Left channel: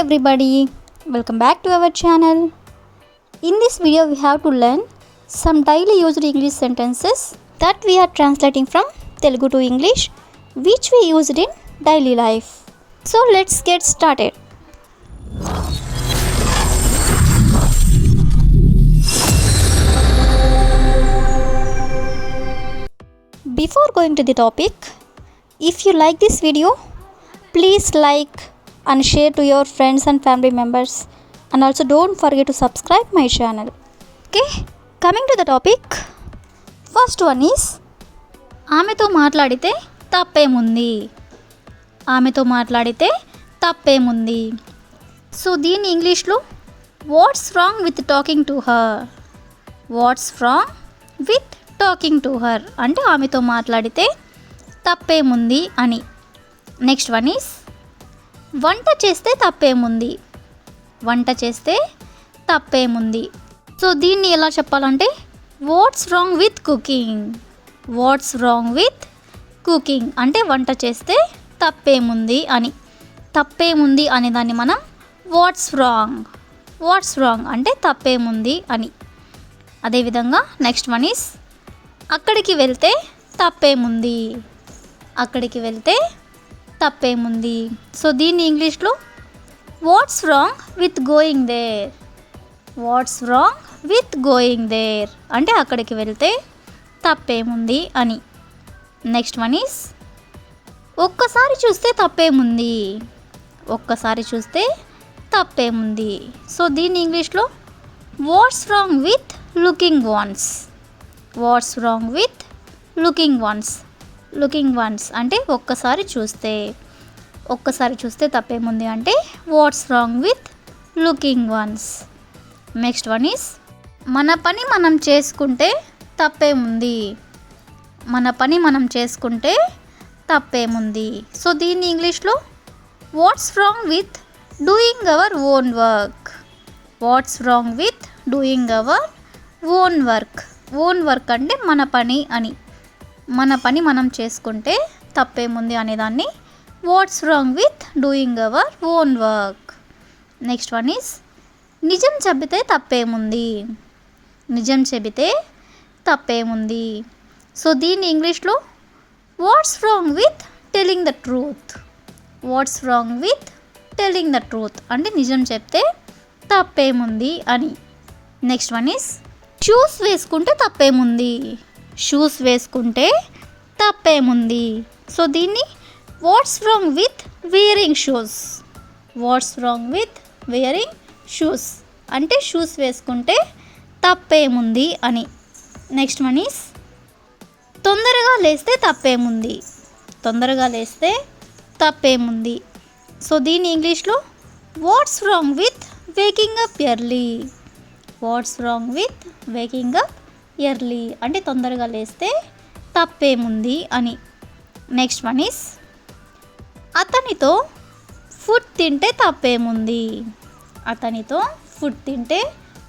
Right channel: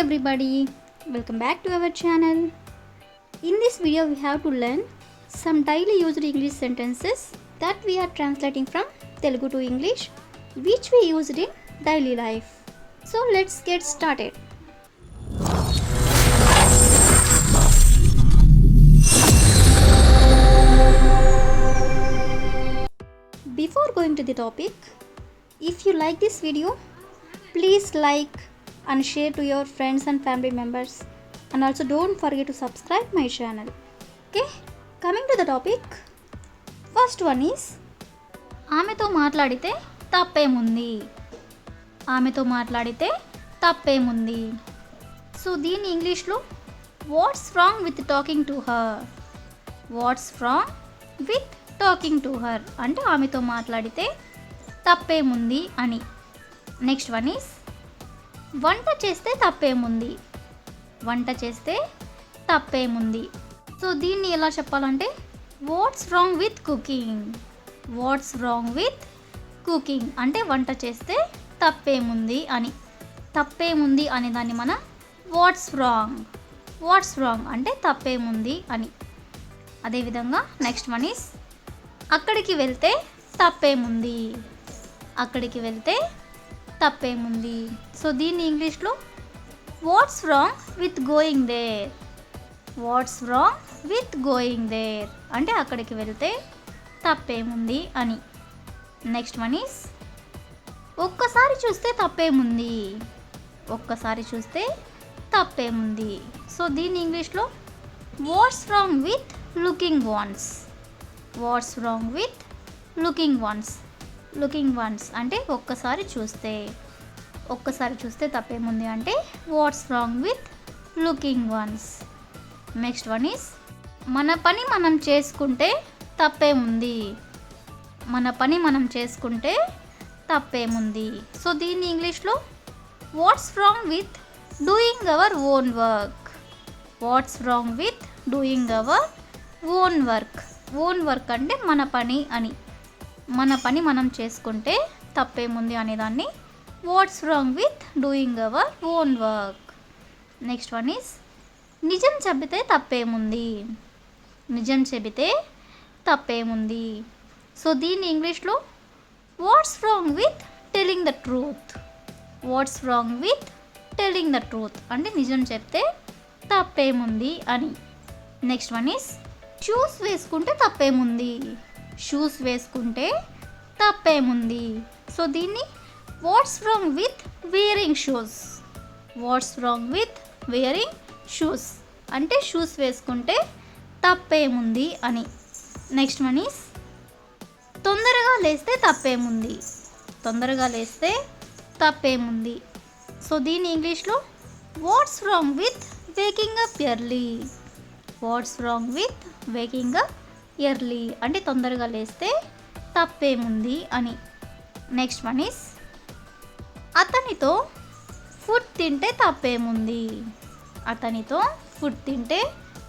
everybody, welcome back to our channel. In this video we have to learn some daily used English sentences that we are translating from Telugu to English which we used in daily life. So let's get started. Before going to the topic, if you like this video, please like and share to your friends and family members, and also don't forget to subscribe my channel. Okay, coming to the topic, first one is ఆమెతో మాట్లాడితే తప్పేముంది. ఆమెతో మాట్లాడితే తప్పేముంది. So దీని ఇంగ్లీష్లో what's wrong with talking to her. Watts wrong with talking to her అంటే ఆమెతో మాట్లాడితే తప్పేముంది అని. నెక్స్ట్ వన్ ఈస్ వంట చేస్తే తప్పేముంది. వంట చేస్తే తప్పేముంది. సో దీన్ని ఎలా చెప్పాలంటే watts wrong with cooking. Watts wrong with cooking అంటే వంట చేస్తే తప్పేముంది అని. తప్పేముంది అనే దాన్ని మనం వాట్స్ రాంగ్. వాట్స్ రాంగ్ అంటే తప్పేముంది అని. అదేవిధంగా నెక్స్ట్ వన్ ఈస్ అక్కడికి వెళ్తే తప్పేముంది. అక్కడికి వెళ్తే తప్పేముంది. సో దీన్ని ఇంగ్లీష్లో what's wrong with going there. What's wrong with going there అంటే అక్కడికి వెళ్తే తప్పేముంది అని. నెక్స్ట్ వన్ ఈస్ ఒక్కసారి చూస్తే తప్పేముంది. ఒక్కసారి చూస్తే తప్పేముంది. సో దీన్ని ఇంగ్లీష్లో what's wrong with looking once. Watts wrong with looking once. Looking once అంటే ఒక్కసారి చూస్తే. ఒక్కసారి చూస్తే తప్పేముంది అంటే watts wrong with looking once. Next one is మన పని మనం చేసుకుంటే తప్పేముంది. మన పని మనం చేసుకుంటే తప్పేముంది. సో దీన్ని ఇంగ్లీష్లో what's wrong with doing our own work. Watts wrong with doing our own work. Own work అంటే మన పని అని. మన పని మనం చేసుకుంటే తప్పేముంది అనేదాన్ని watts wrong with doing our own work. Next one is నిజం చెబితే తప్పేముంది. నిజం చెబితే తప్పేముంది. సో దీన్ని ఇంగ్లీష్లో what's wrong with telling the truth. Watts wrong with telling the truth అంటే నిజం చెప్తే తప్పేముంది అని. నెక్స్ట్ వన్ ఈస్ షూస్ వేసుకుంటే తప్పేముంది. షూస్ వేసుకుంటే తప్పేముంది. సో దీన్ని watts wrong with wearing shoes. Watts wrong with wearing shoes అంటే షూస్ వేసుకుంటే తప్పేముంది అని. నెక్స్ట్ వన్ ఈస్ తొందరగా లేస్తే తప్పేముంది. తొందరగా లేస్తే తప్పేముంది. సో దీన్ని ఇంగ్లీష్లో what's wrong with waking up early. Watts wrong with waking up early అంటే తొందరగా లేస్తే తప్పేముంది అని. నెక్స్ట్ వన్ ఈస్ అతనితో ఫుడ్ తింటే తప్పేముంది. అతనితో ఫుడ్ తింటే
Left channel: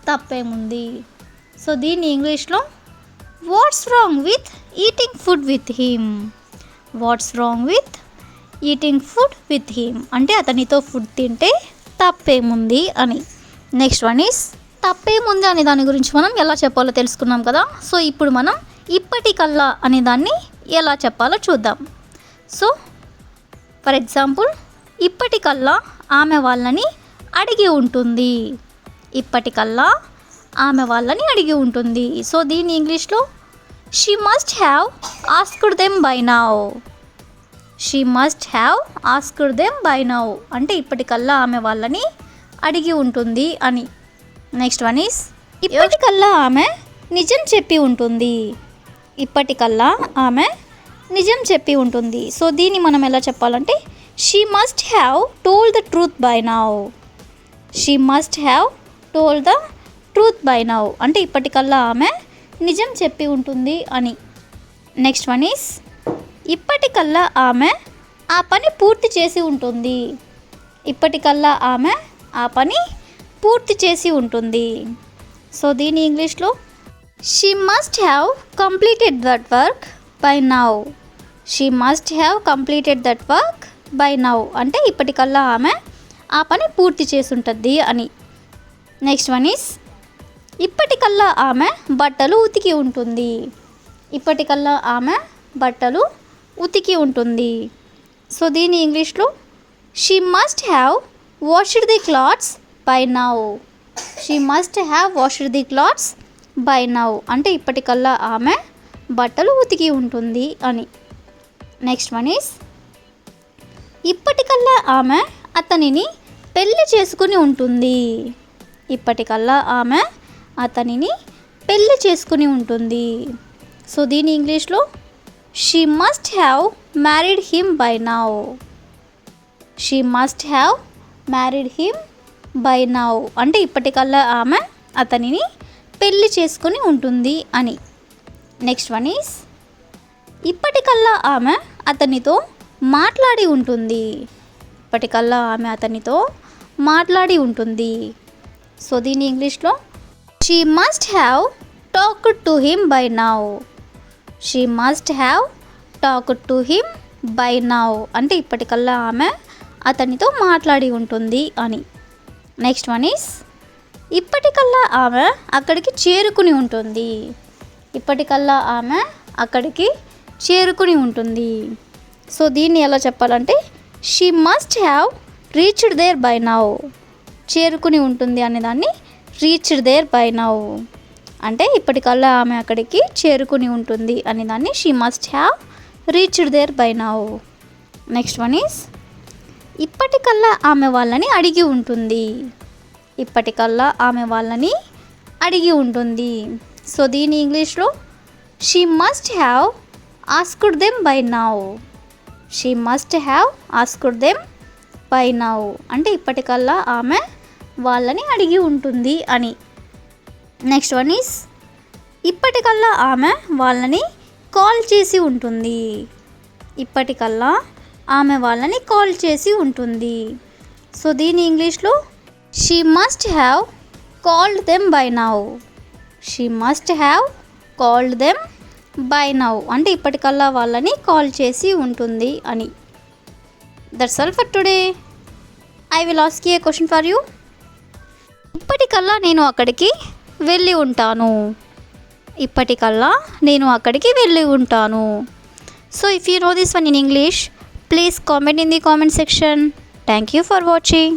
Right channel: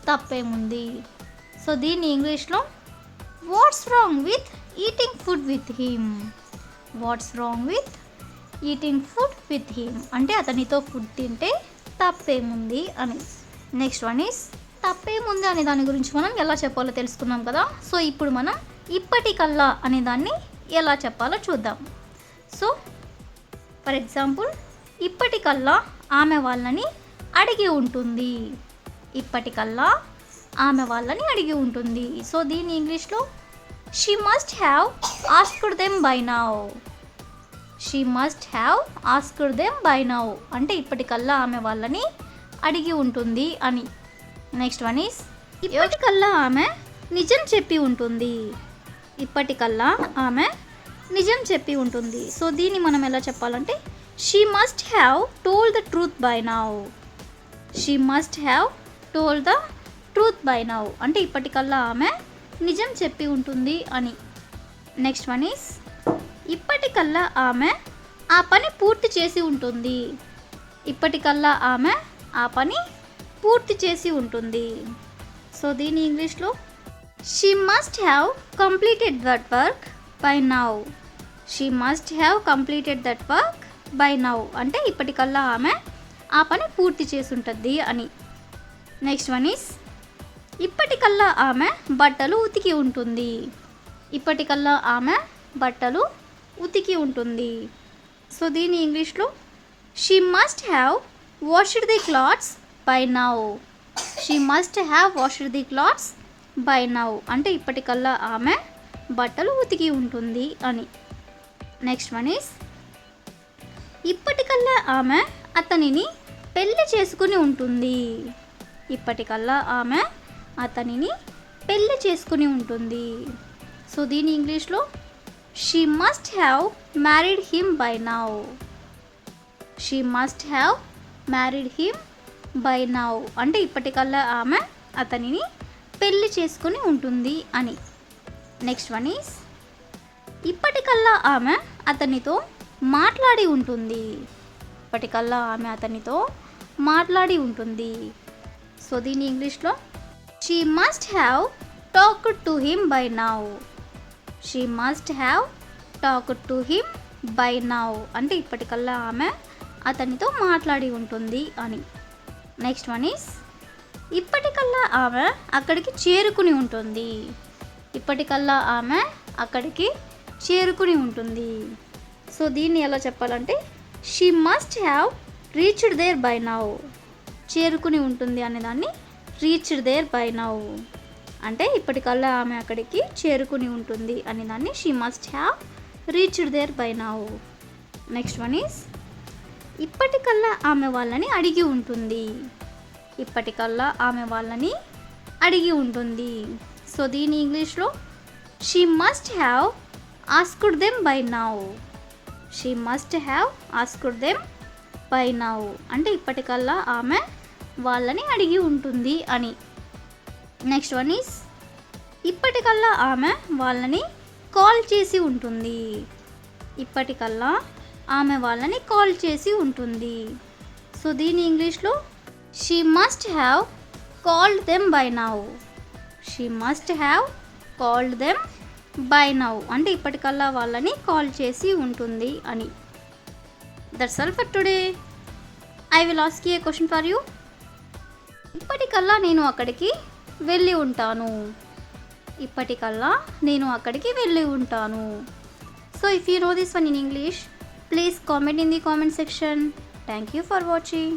తప్పేముంది. సో దీన్ని ఇంగ్లీష్లో what's wrong with eating food with him. Watts wrong with eating food with him అంటే అతనితో ఫుడ్ తింటే తప్పేముంది అని. నెక్స్ట్ వన్ ఈస్ తప్పేముంది అనే దాని గురించి మనం ఎలా చెప్పాలో తెలుసుకున్నాం కదా. సో ఇప్పుడు మనం ఇప్పటికల్లా అనే దాన్ని ఎలా చెప్పాలో చూద్దాం. సో ఫర్ ఎగ్జాంపుల్ ఇప్పటికల్లా ఆమె వాళ్ళని అడిగి ఉంటుంది. ఇప్పటికల్లా ఆమె వాళ్ళని అడిగి ఉంటుంది. సో దీన్ని ఇంగ్లీష్లో she must have asked them by now. She must have asked them by now అంటే ఇప్పటికల్లా ఆమె వాళ్ళని అడిగి ఉంటుంది అని. నెక్స్ట్ వన్ ఈస్ ఇప్పటికల్లా ఆమె నిజం చెప్పి ఉంటుంది. ఇప్పటికల్లా ఆమె నిజం చెప్పి ఉంటుంది. సో దీన్ని మనం ఎలా చెప్పాలంటే she must have told the truth by now. She must have told the truth by now అంటే ఇప్పటికల్లా ఆమె నిజం చెప్పి ఉంటుంది అని. నెక్స్ట్ వన్ ఈస్ ఇప్పటికల్లా ఆమె ఆ పని పూర్తి చేసి ఉంటుంది. ఇప్పటికల్లా ఆమె ఆ పని పూర్తి చేసి ఉంటుంది. సో దీని ఇంగ్లీష్లో she must have completed that work by now. She must have completed that work by now అంటే ఇప్పటికల్లా ఆమె ఆ పని పూర్తి చేసుంటుంది అని. నెక్స్ట్ వన్ ఈస్ ఇప్పటికల్లా ఆమె బట్టలు ఉతికి ఉంటుంది. ఇప్పటికల్లా ఆమె బట్టలు ఉతికి ఉంటుంది. సో దీని ఇంగ్లీష్లో she must have washed the clothes by now. She must have washed the clothes by now అంటే ఇప్పటికల్లా ఆమె బట్టలు ఉతికి ఉంటుంది అని. నెక్స్ట్ వన్ ఈస్ ఇప్పటికల్లా ఆమె అతనిని పెళ్లి చేసుకుని ఉంటుంది. ఇప్పటికల్లా ఆమె అతనిని పెళ్లి చేసుకుని ఉంటుంది. సో దీని ఇంగ్లీష్లో she must have married him by now. She must have married him by now అంటే ఇప్పటికల్లా ఆమె అతనిని పెళ్లి చేసుకుని ఉంటుంది అని. నెక్స్ట్ వన్ ఈస్ ఇప్పటికల్లా ఆమె అతనితో మాట్లాడి ఉంటుంది. ఇప్పటికల్లా ఆమె అతనితో మాట్లాడి ఉంటుంది. సో దీని ఇంగ్లీష్లో she must have talked to him by now. She must have talked to him by now అంటే ఇప్పటికల్లా ఆమె అతనితో మాట్లాడి ఉంటుంది అని. నెక్స్ట్ వన్ ఈస్ ఇప్పటికల్లా ఆమె అక్కడికి చేరుకుని ఉంటుంది. ఇప్పటికల్లా ఆమె అక్కడికి చేరుకుని ఉంటుంది. సో దీన్ని ఎలా చెప్పాలంటే she must have reached there by now. చేరుకుని ఉంటుంది అనేదాన్ని రీచ్డ్ దేర్ బై నౌ అంటే ఇప్పటికల్లా ఆమె అక్కడికి చేరుకుని ఉంటుంది అనేదాన్ని she must have reached there by now. Next one is ఇప్పటికల్లా ఆమె వాళ్ళని అడిగి ఉంటుంది. ఇప్పటికల్లా ఆమె వాళ్ళని అడిగి ఉంటుంది. సో దీని ఇంగ్లీష్లో she must have asked them by now. She must have asked them by now అంటే ఇప్పటికల్లా ఆమె వాళ్ళని అడిగి ఉంటుంది అని. నెక్స్ట్ వన్ ఈస్ ఇప్పటికల్లా ఆమె వాళ్ళని కాల్ చేసి ఉంటుంది. ఇప్పటికల్లా ఆమె వాళ్ళని కాల్ చేసి ఉంటుంది. సో దీని ఇంగ్లీష్లో she must have called them by now. She must have called them by now అంటే ఇప్పటికల్లా వాళ్ళని కాల్ చేసి ఉంటుంది అని. That's all for today. I will ask you a question for you. ఇప్పటికల్లా నేను అక్కడికి వెళ్ళి ఉంటాను. ఇప్పటికల్లా నేను అక్కడికి వెళ్ళి ఉంటాను. So if you know this one in English, please comment in the comment section. Thank you for watching.